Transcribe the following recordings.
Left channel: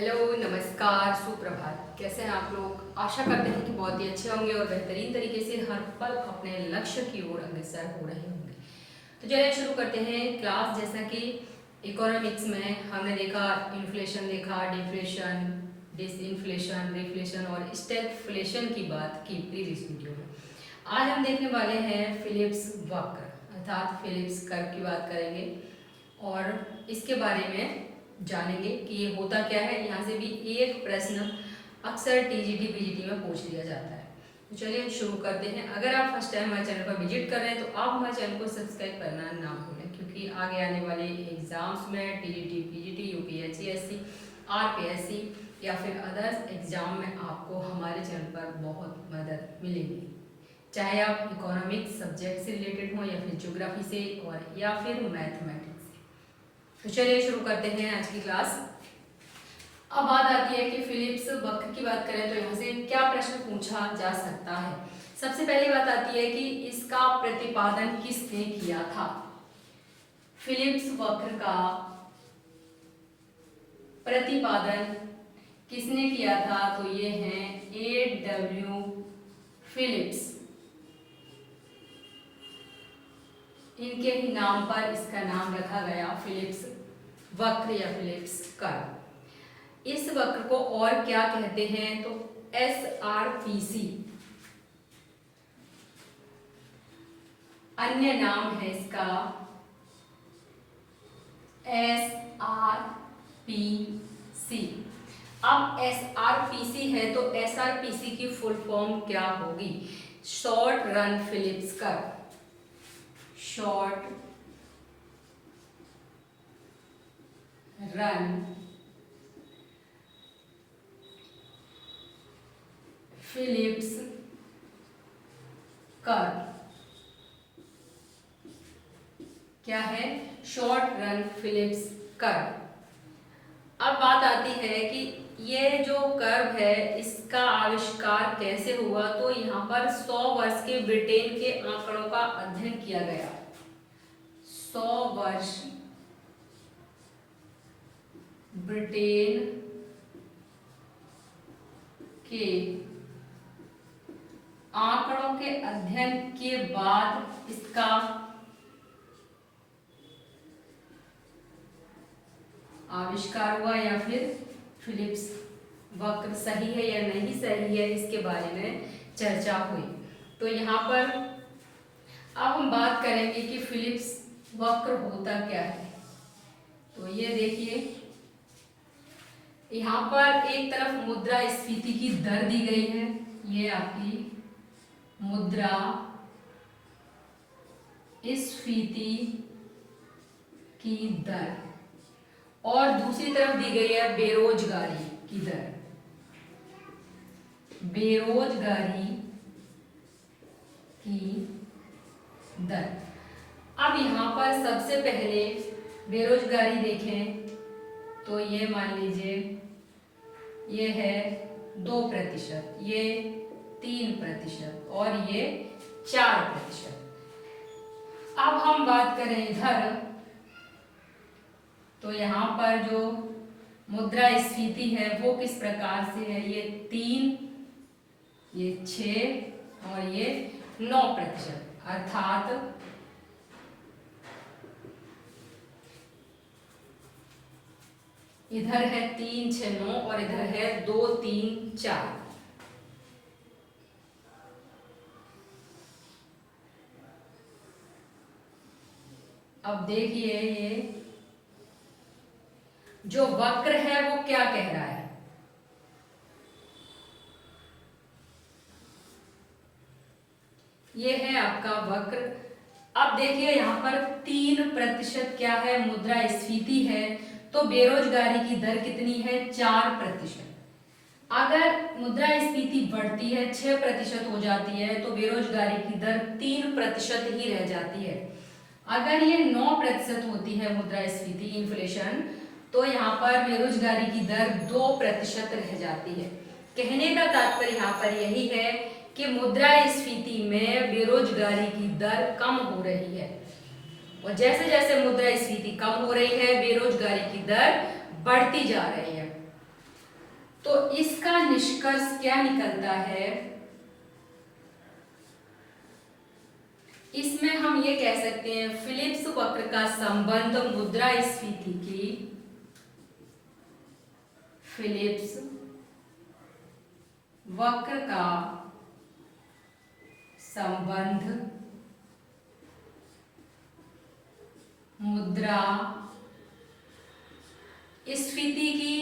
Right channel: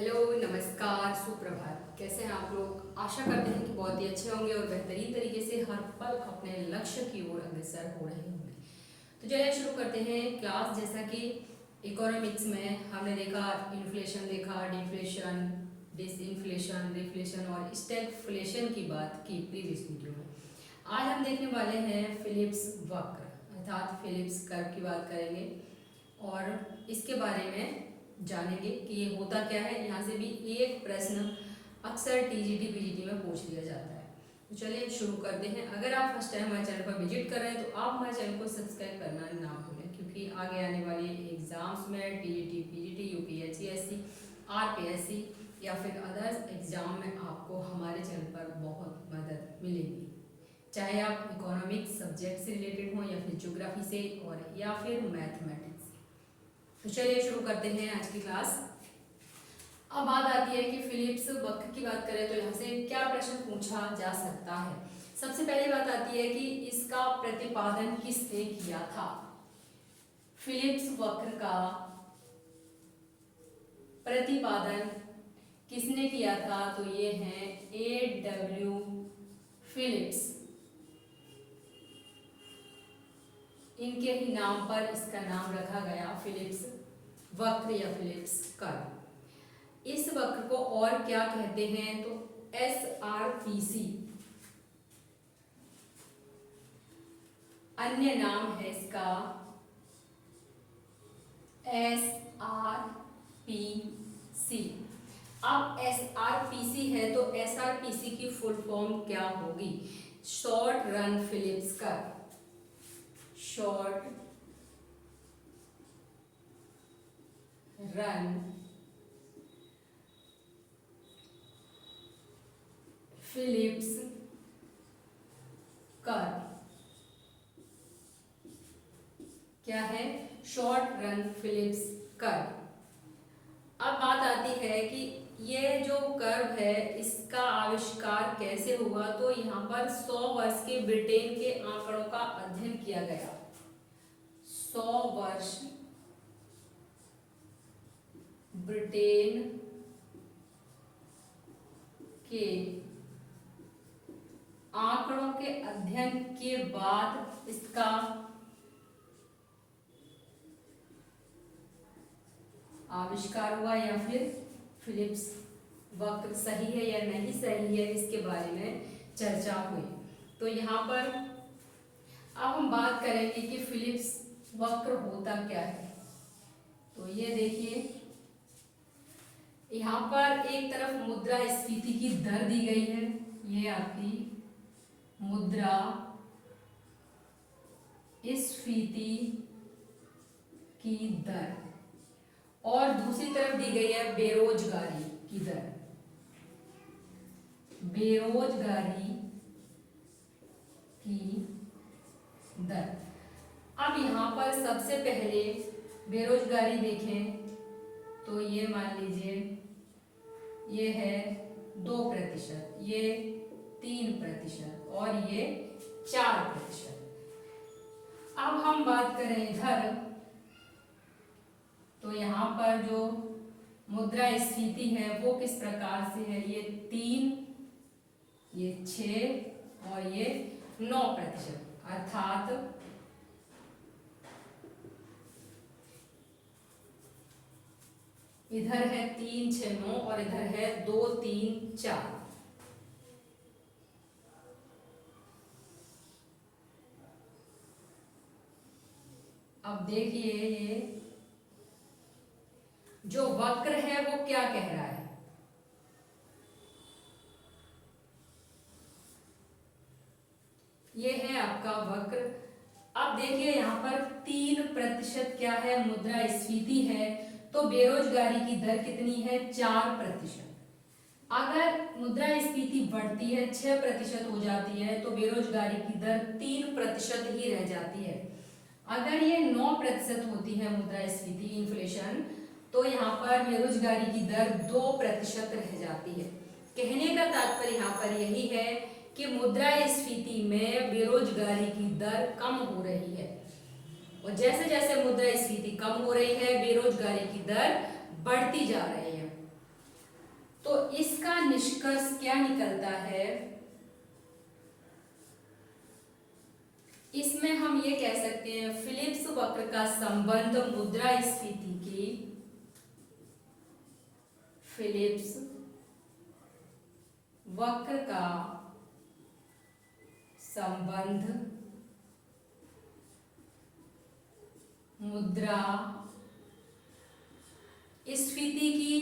Hello, नमस्कार, सुप्रभात। कैसे हैं आप लोग? आशा करते हैं कि बहुत ही अच्छे होंगे और बेहतरीन तरीके से हर पल अपने लक्ष्य की ओर अग्रसर हो रहे होंगे। तो चलिए शुरू करते हैं क्लास। जैसा कि इकोनॉमिक्स में हमने देखा, इन्फ्लेशन देखा, डिफ्लेशन, डिसइन्फ्लेशन, रिफ्लेशन और स्टैगफ्लेशन की बात की प्रीवियस वीडियो में। आज हम देखने वाले हैं फिलिप्स वक्र अर्थात फिलिप्स कर्व की बात करेंगे और इसके बारे में जानेंगे कि ये होता क्या है। यहाँ से भी एक प्रश्न अक्सर टीजीटी पीजीटी में पूछ लिया जाता है। तो चलिए शुरू करते हैं। अगर आप फर्स्ट टाइम हमारे चैनल पर विजिट कर रहे हैं तो आप हमारे चैनल को सब्सक्राइब करना ना भूलें, क्योंकि आगे आने वाले एग्जाम्स में टीजीटी पीजीटी, यूपीएससी, आरपीएससी या फिर अदर्स एग्जाम में आपको हमारे चैनल पर बहुत मदद मिलेगी, चाहे आप इकोनॉमिक्स सब्जेक्ट से रिलेटेड हो या फिर ज्योग्राफी से और या फिर मैथमेटिक्स। तो चलिए शुरू करते हैं आज की क्लास। अब बात आती है कि फिलिप्स वक्र की बात करें तो यहाँ से क्या प्रश्न पूछा जा सकता है। सबसे पहली बात आती है कि इसका प्रतिपादन किसने किया था। फिलिप्स वक्र का प्रतिपादन किसने किया था? तो ये है A.W. फिलिप्स। इनके ही नाम पर इसका नाम रखा गया, फिलिप्स वक्र या फिलिप्स कर्व। इस वक्र को और क्या कहते हैं? तो SRPC अन्य नाम है इसका, SRPC। अब SRPC है तो SRPC की फुल फॉर्म क्या होगी? Short run Phillips curve. Short run Phillips curve क्या है? Short run Phillips curve. अब बात आती है कि ये जो कर्व है इसका आविष्कार कैसे हुआ। तो यहाँ पर 100 वर्ष के ब्रिटेन के आंकड़ों का अध्ययन किया गया। 100 वर्ष ब्रिटेन के आंकड़ों के अध्ययन के बाद इसका आविष्कार हुआ, या फिर फिलिप्स वक्र सही है या नहीं सही है इसके बारे में चर्चा हुई। तो यहाँ पर अब हम बात करेंगे कि फिलिप्स वक्र होता क्या है। तो ये देखिए, यहाँ पर एक तरफ मुद्रास्फीति की दर दी गई है, ये आपकी मुद्रा स्फीति की दर, और दूसरी तरफ दी गई है बेरोजगारी की दर। बेरोजगारी की दर। अब यहाँ पर सबसे पहले बेरोजगारी देखें तो ये मान लीजिए ये है 2%, ये 3% और ये 4%। अब हम बात करें इधर तो यहाँ पर जो मुद्रास्फीति है वो किस प्रकार से है? ये 3, ये 6 और ये 9%, अर्थात इधर है 3, 6, 9 और इधर है 2, 3, 4। अब देखिए ये जो वक्र है वो क्या कह रहा है? ये है आपका वक्र। अब देखिए यहाँ पर 3% क्या है? मुद्रास्फीति है। तो बेरोजगारी की दर कितनी है? 4%। अगर मुद्रास्फीति बढ़ती है, 6% हो जाती है, तो बेरोजगारी की दर 3% ही रह जाती है। अगर ये 9% होती है मुद्रास्फीति इन्फ्लेशन, तो यहाँ पर बेरोजगारी की दर 2% रह जाती है। कहने का तात्पर्य यहाँ पर यही है कि मुद्रास्फीति में बेरोजगारी की दर कम हो रही है, और जैसे जैसे मुद्रास्फीति कम हो रही है बेरोजगारी की दर बढ़ती जा रही है। तो इसका निष्कर्ष क्या निकलता है, इसमें हम ये कह सकते हैं फिलिप्स वक्र का संबंध मुद्रास्फीति की, फिलिप्स वक्र का संबंध मुद्रास्फीति की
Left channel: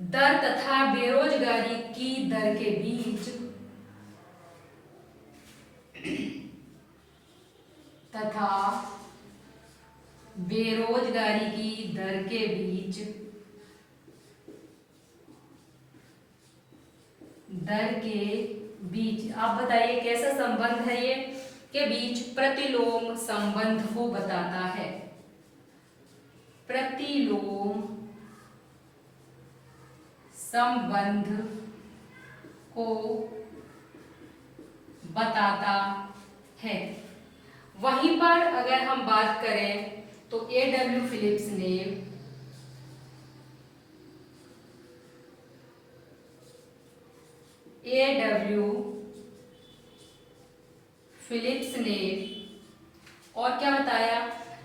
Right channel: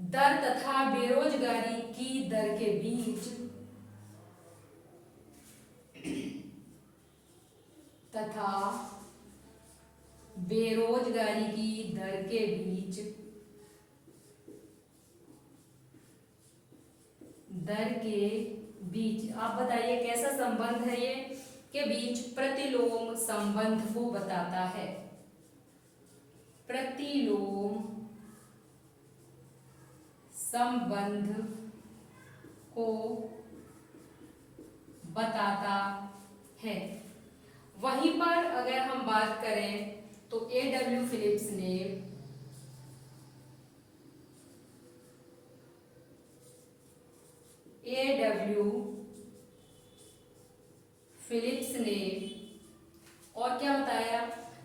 दर तथा बेरोजगारी की दर के बीच तथा बेरोजगारी की दर के बीच आप बताइए कैसा संबंध है ये, के बीच प्रतिलोम संबंध को बताता है, प्रतिलोम संबंध को बताता है। वहीं पर अगर हम बात करें तो A.W. फिलिप्स ने और क्या बताया,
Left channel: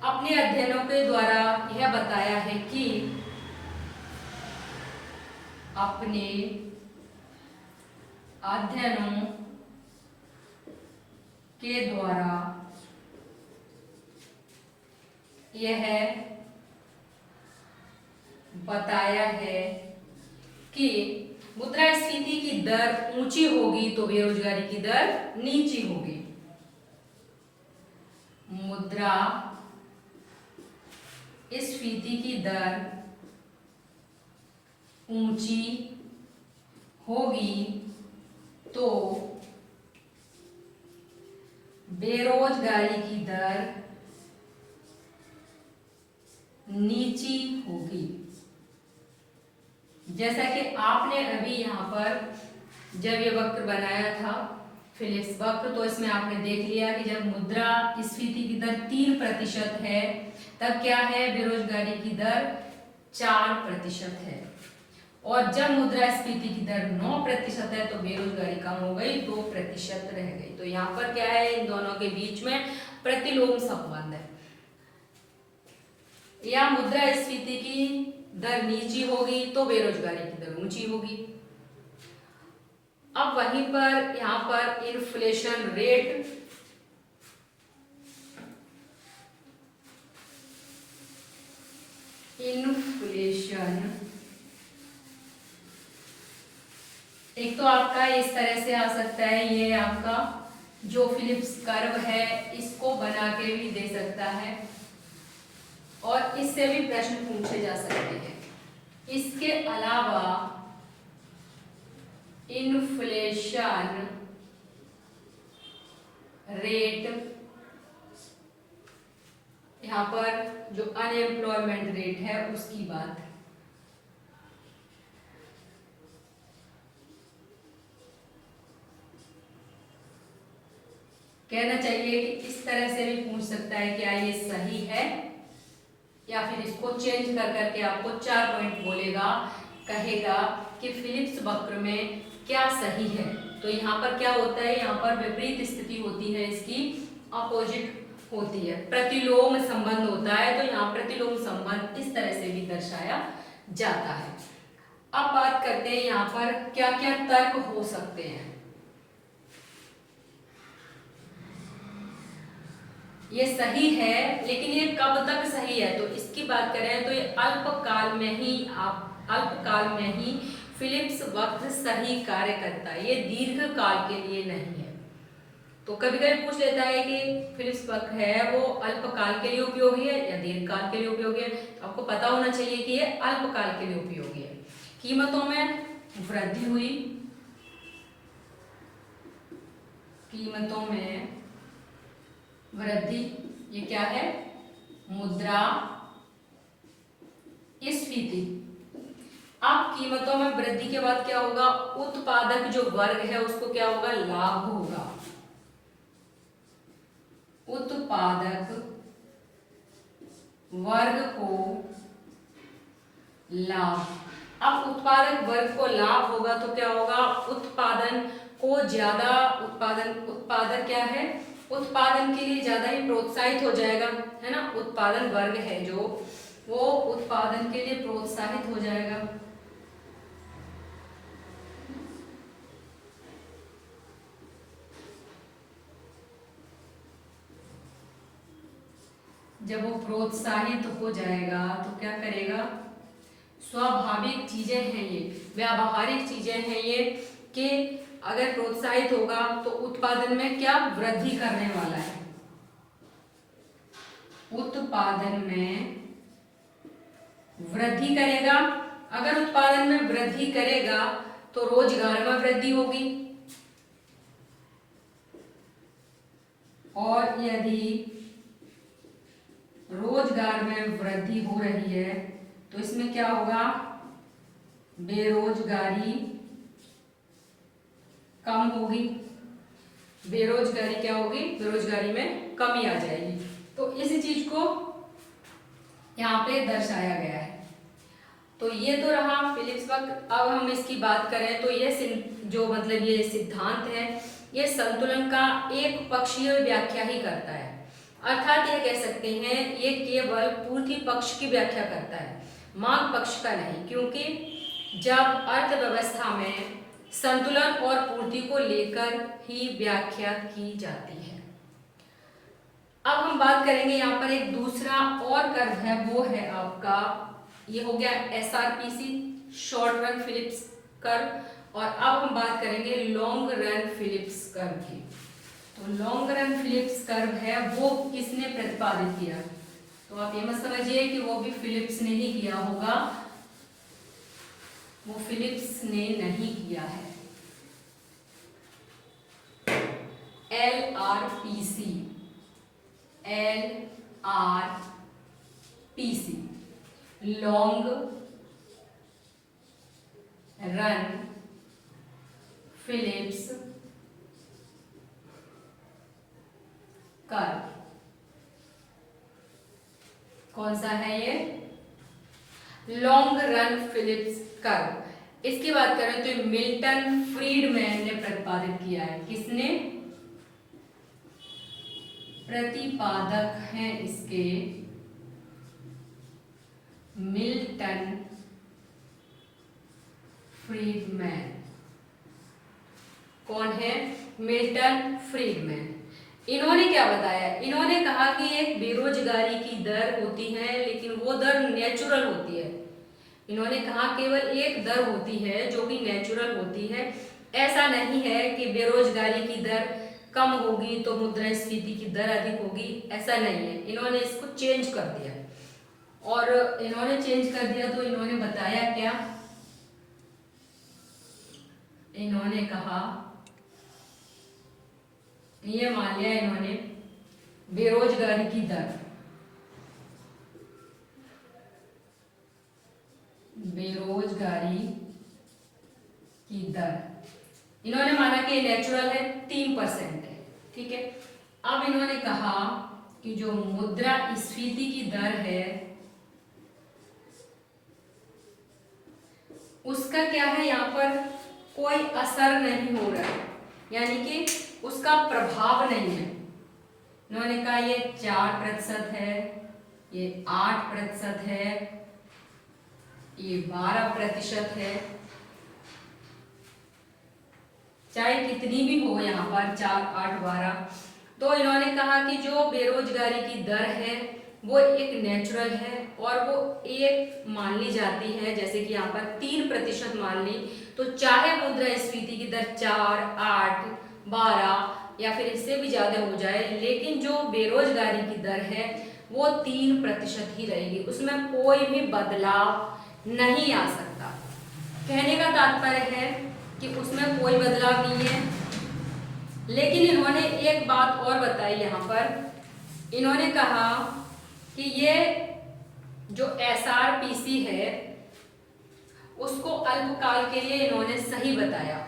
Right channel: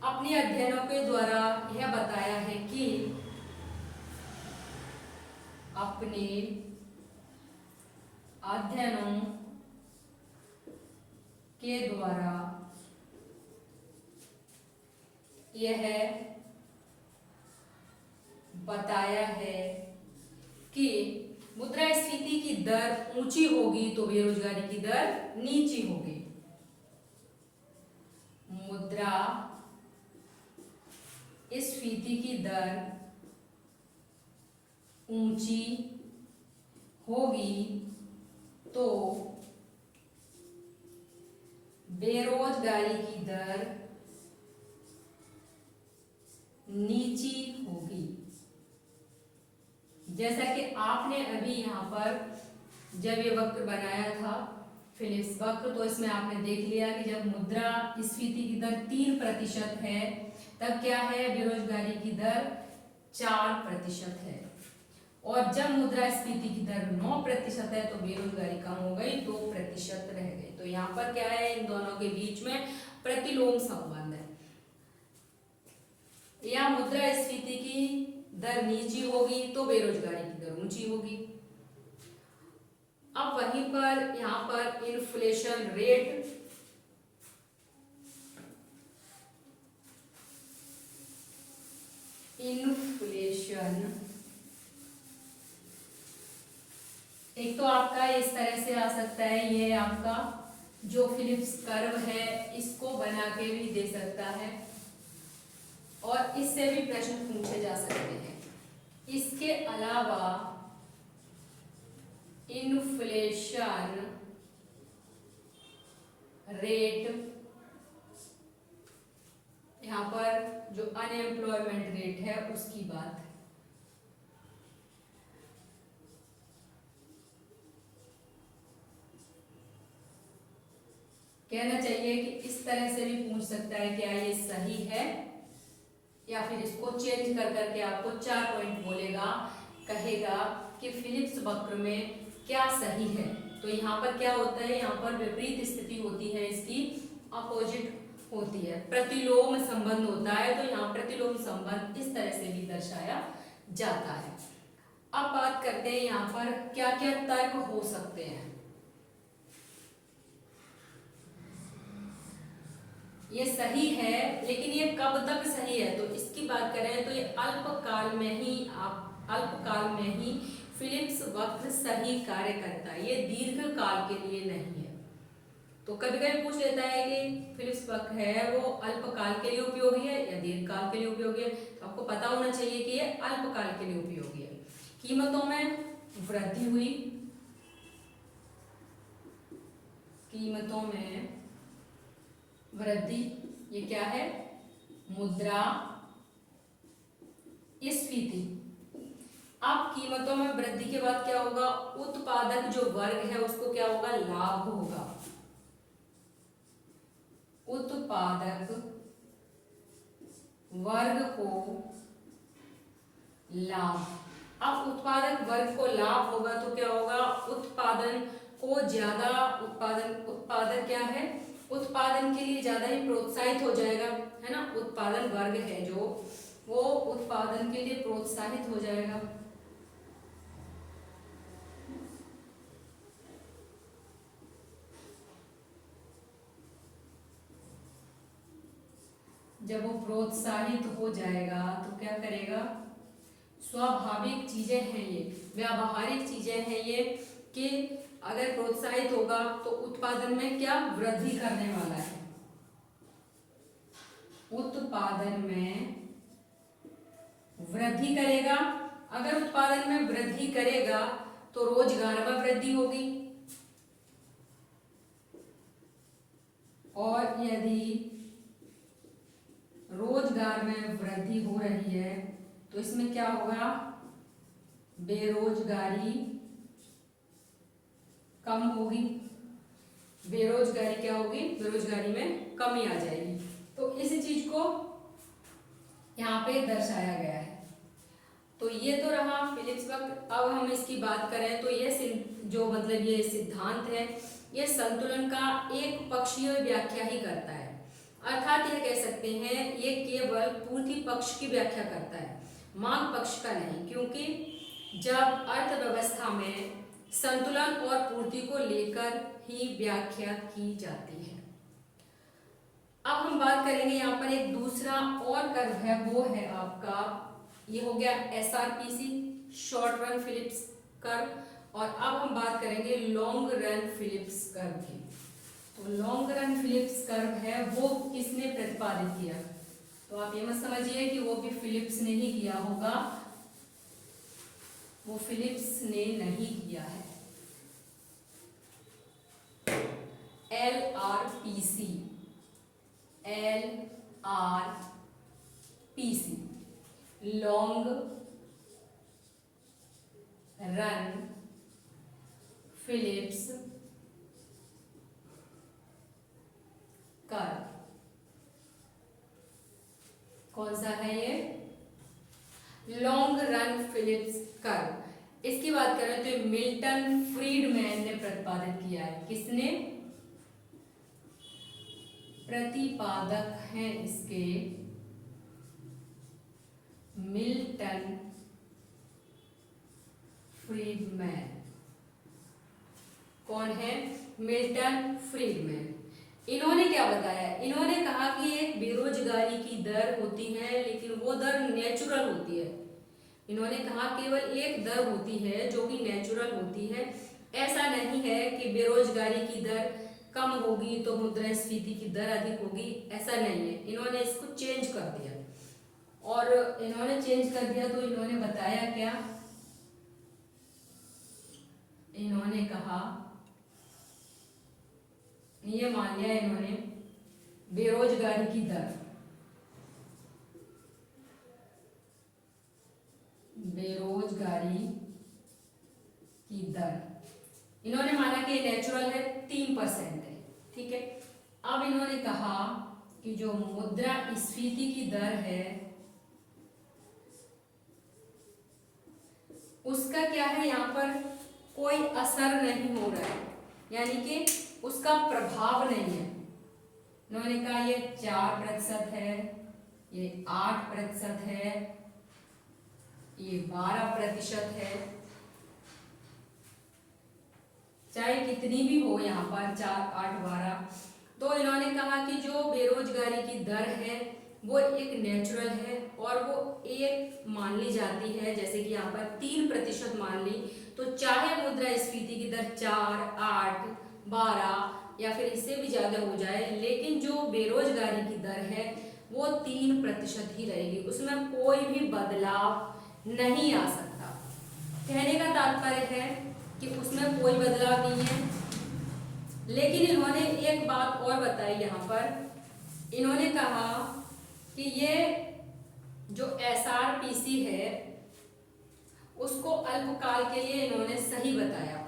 अपने अध्ययनों के द्वारा यह बताया है कि अपने अध्ययनों के द्वारा यह बताया है कि मुद्रास्फीति की दर ऊंची होगी तो बेरोजगारी की दर नीची होगी। मुद्रास्फीति की दर ऊंची होगी तो बेरोजगारी की दर नीची होगी। जैसा कि आपने अभी यहाँ पर जब ये वक्र बनाया था फिलिप्स वक्र, तो इसमें आपने देख लिया कि जब मुद्रास्फीति की दर 3% है तब क्या है, बेरोजगारी की दर 4% है, और जब मुद्रास्फीति की दर 9% है तो बेरोजगारी कम हो गई, 2% रह गई। तो यहाँ पर क्या है, इन दोनों के बीच में प्रतिलोम संबंध है, या मुद्रास्फीति की दर नीची होगी तो बेरोजगारी की दर ऊंची होगी। अब वहीं पर यहाँ पर इन्फ्लेशन रेट, एक तो आपका इस तरह से आ सकता है, ये आपका जो फिलिप्स कर्व है इसको बना के भी दे सकता है और इससे भी प्रश्न पूछे जा सकते हैं। इसके अलावा इन्फ्लेशन रेट, यहाँ पर जो अनएम्प्लॉयमेंट रेट है उसकी बात, कहना चाहिए कि इस तरह से भी पूछ सकता है क्या ये सही है, या फिर इसको चेंज कर करके आपको 4 पॉइंट बोलेगा, कहेगा कि फिलिप्स वक्र में क्या सही है। तो यहाँ पर क्या होता है, यहाँ पर विपरीत स्थिति होती है, इसकी अपोजिट होती है, प्रतिलोम संबंध होता है। तो यहाँ प्रतिलोम संबंध इस तरह से भी दर्शाया जाता है। अब बात करते हैं यहाँ पर क्या क्या तर्क हो सकते हैं। ये सही है, लेकिन ये कब तक सही है, तो इसकी बात करें तो ये अल्पकाल में ही फिलिप्स वक्र सही कार्य करता है, ये दीर्घ काल के लिए नहीं है। तो कभी कभी पूछ लेता है कि फिलिप्स वक्र है वो अल्पकाल के लिए उपयोगी है या दीर्घकाल के लिए उपयोगी है। आपको पता होना चाहिए कि ये अल्पकाल के लिए उपयोगी है। कीमतों में वृद्धि हुई, कीमतों में वृद्धि, ये क्या है, मुद्रास्फीति। अब कीमतों में वृद्धि के बाद क्या होगा, उत्पादक जो वर्ग है उसको क्या होगा, लाभ होगा, उत्पादक वर्ग को लाभ। अब उत्पादन वर्ग को लाभ होगा तो क्या होगा, उत्पादन को ज्यादा उत्पादन क्या है, उत्पादन के लिए ज्यादा ही प्रोत्साहित हो जाएगा, है ना। उत्पादन वर्ग है जो, वो उत्पादन के लिए प्रोत्साहित हो जाएगा। जब वो प्रोत्साहित हो जाएगा तो क्या करेगा, स्वाभाविक चीजें हैं ये, व्यावहारिक चीजें हैं ये, कि अगर प्रोत्साहित होगा तो उत्पादन में क्या वृद्धि करने वाला है, उत्पादन में वृद्धि करेगा। अगर उत्पादन में वृद्धि करेगा तो रोजगार में वृद्धि होगी, और यदि रोजगार में वृद्धि हो रही है तो इसमें क्या होगा, बेरोजगारी कम होगी। बेरोजगारी क्या होगी, बेरोजगारी में कमी आ जाएगी। तो इस चीज को यहाँ पे दर्शाया गया है। तो ये तो रहा फिलिप्स वक्त। अब हम इसकी बात करें तो ये जो मतलब ये सिद्धांत है, ये संतुलन का एक पक्षीय व्याख्या ही करता है। अर्थात ये कह सकते हैं ये केवल पूर्ति पक्ष की व्याख्या करता है, मांग पक्ष का नहीं, क्योंकि जब अर्थव्यवस्था में संतुलन और पूर्ति को लेकर ही व्याख्या की जाती है। अब हम बात करेंगे यहाँ पर एक दूसरा और कर्व है, वो है आपका, ये हो गया SRPC, short run Phillips curve. और अब हम बात करेंगे लॉन्ग रन फिलिप्स कर्व की। तो लॉन्ग रन फिलिप्स कर्व है वो किसने प्रतिपादित किया, तो आप ये मत समझिए कि वो भी फिलिप्स ने ही किया होगा, वो फिलिप्स ने नहीं किया है। LRPC, long run Phillips curve. कौन सा है ये, लॉन्ग रन फिलिप्स कर्व। इसकी बात करें तो मिल्टन फ्रीडमैन ने प्रतिपादित किया है। किसने, प्रतिपादक हैं इसके मिल्टन फ्रीडमैन। कौन है, मिल्टन फ्रीडमैन। इन्होंने क्या बताया, इन्होंने कहा कि एक बेरोजगारी की दर होती है, लेकिन वो दर नेचुरल होती है। इन्होंने कहा केवल एक दर होती है जो कि नेचुरल होती है, ऐसा नहीं है कि बेरोजगारी की दर कम होगी तो मुद्रास्फीति की दर अधिक होगी, ऐसा नहीं है। इन्होंने इसको चेंज कर दिया, और इन्होंने चेंज कर दिया तो इन्होंने बताया क्या, इन्होंने कहा, ये मान लिया इन्होंने बेरोजगारी की दर, बेरोजगारी की दर इन्होंने माना कि नेचुरल है, 3% है, ठीक है। अब इन्होंने कहा कि जो मुद्रास्फीति की दर है उसका क्या है, यहाँ पर कोई असर नहीं हो रहा है, यानी कि उसका प्रभाव नहीं है। इन्होंने कहा ये 4% है, ये 8% है, ये 12% है, चाहे कितनी भी हो यहाँ पर 4, 8, 12। तो इन्होंने कहा कि जो बेरोजगारी की दर है वो एक नेचुरल है, और वो एक मान ली जाती है, जैसे कि यहाँ पर 3% मान ली, तो चाहे मुद्रास्फीति की दर 4, 8, 12 या फिर इससे भी ज्यादा हो जाए, लेकिन जो बेरोजगारी की दर है वो 3% ही रहेगी, उसमें कोई भी बदलाव नहीं आ सकता। कहने का तात्पर्य है कि उसमें कोई बदलाव नहीं है। लेकिन इन्होंने एक बात और बताई यहाँ पर, इन्होंने कहा कि ये जो SRPC है उसको अल्पकाल के लिए इन्होंने सही बताया।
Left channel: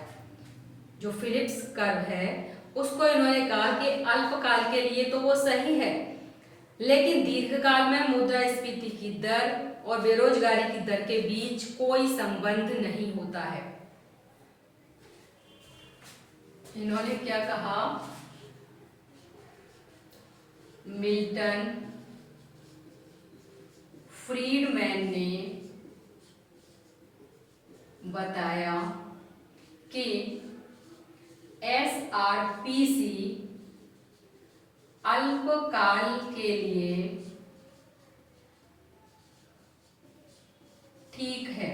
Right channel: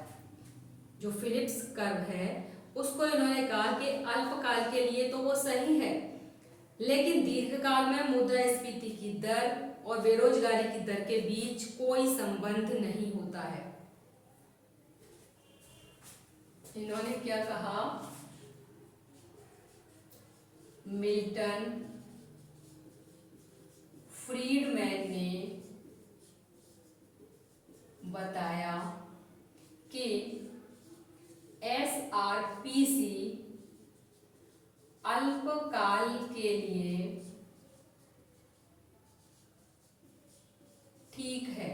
जो फिलिप्स कर्व है उसको इन्होंने कहा कि अल्पकाल के लिए तो वो सही है, लेकिन दीर्घकाल में मुद्रास्फीति की दर और बेरोजगारी की दर के बीच कोई संबंध नहीं होता है। इन्होंने क्या कहा? मिल्टन फ्रीडमैन ने बताया कि SRPC अल्पकाल के लिए ठीक है,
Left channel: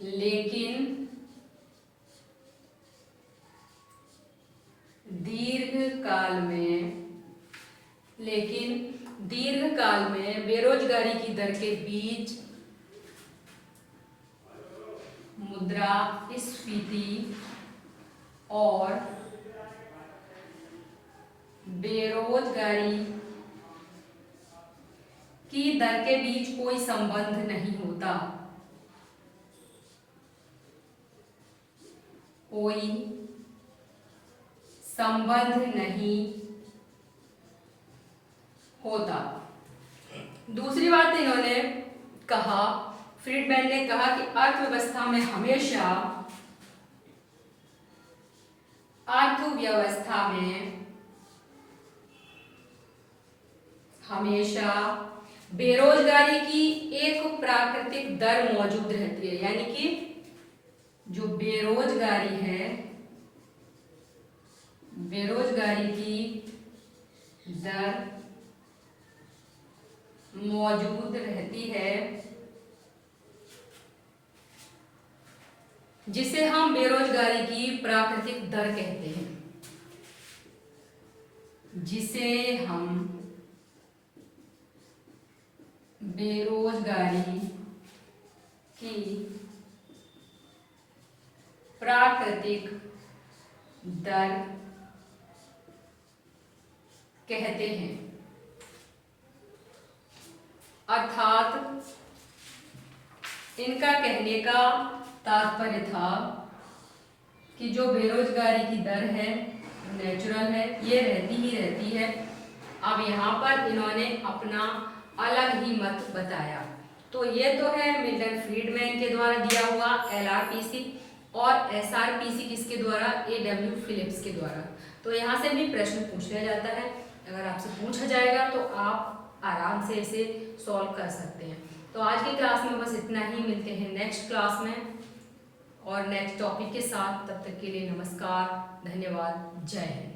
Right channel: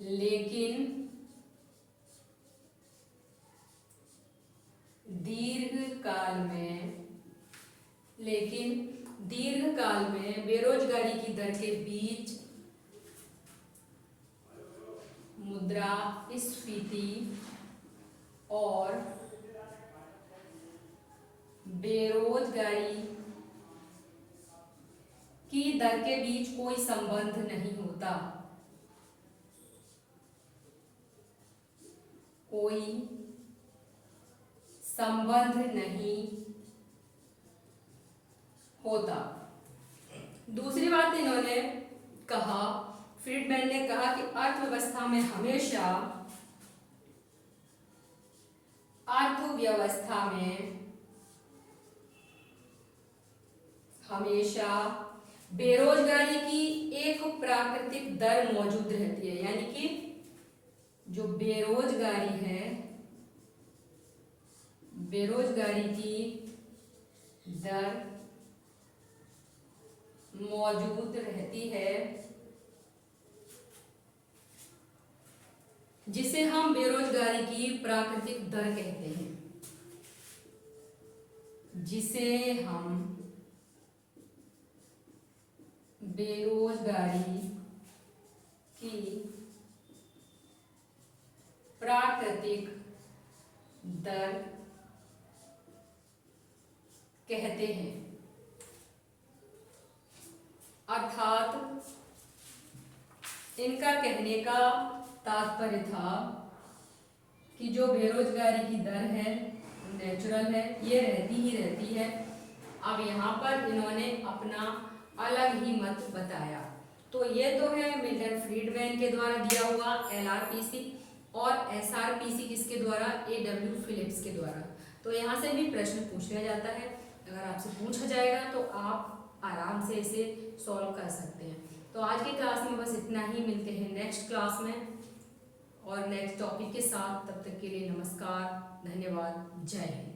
लेकिन दीर्घकाल में बेरोजगारी की दर के बीच मुद्रास्फीति और बेरोजगारी की दर के बीच कोई संबंध नहीं होता। कोई संबंध नहीं होता। दूसरी बात इन्होंने कहा, फ्रीडमैन ने कहा कि अर्थव्यवस्था में हमेशा बेरोजगारी की एक प्राकृतिक दर मौजूद रहती है, यानी कि जो बेरोजगारी है, बेरोजगारी की दर मौजूद रहती है, जिसे हम बेरोजगारी की प्राकृतिक दर कहते हैं, जिसे हम बेरोजगारी की प्राकृतिक दर कहते हैं। अर्थात इनका कहने का तात्पर्य था कि जो बेरोजगारी की दर है नेचुरल है, ये रहती ही रहती है। अब यहाँ पर इन्होंने अपना अलग ही मत बताया। तो ये तो है मिल्टन फ्रीडमैन के द्वारा दिया हुआ LRPC, और SRPC किसके द्वारा? AW फिलिप्स के द्वारा। तो यहाँ से भी प्रश्न पूछ लिया जाता है, अगर आपसे पूछा जाएगा तो आप आराम से इसे सॉल्व कर सकते हैं। तो आज की क्लास में बस इतना ही, मिलते हैं नेक्स्ट क्लास में और नेक्स्ट टॉपिक के साथ। तब तक के लिए नमस्कार, धन्यवाद, जय हिंद।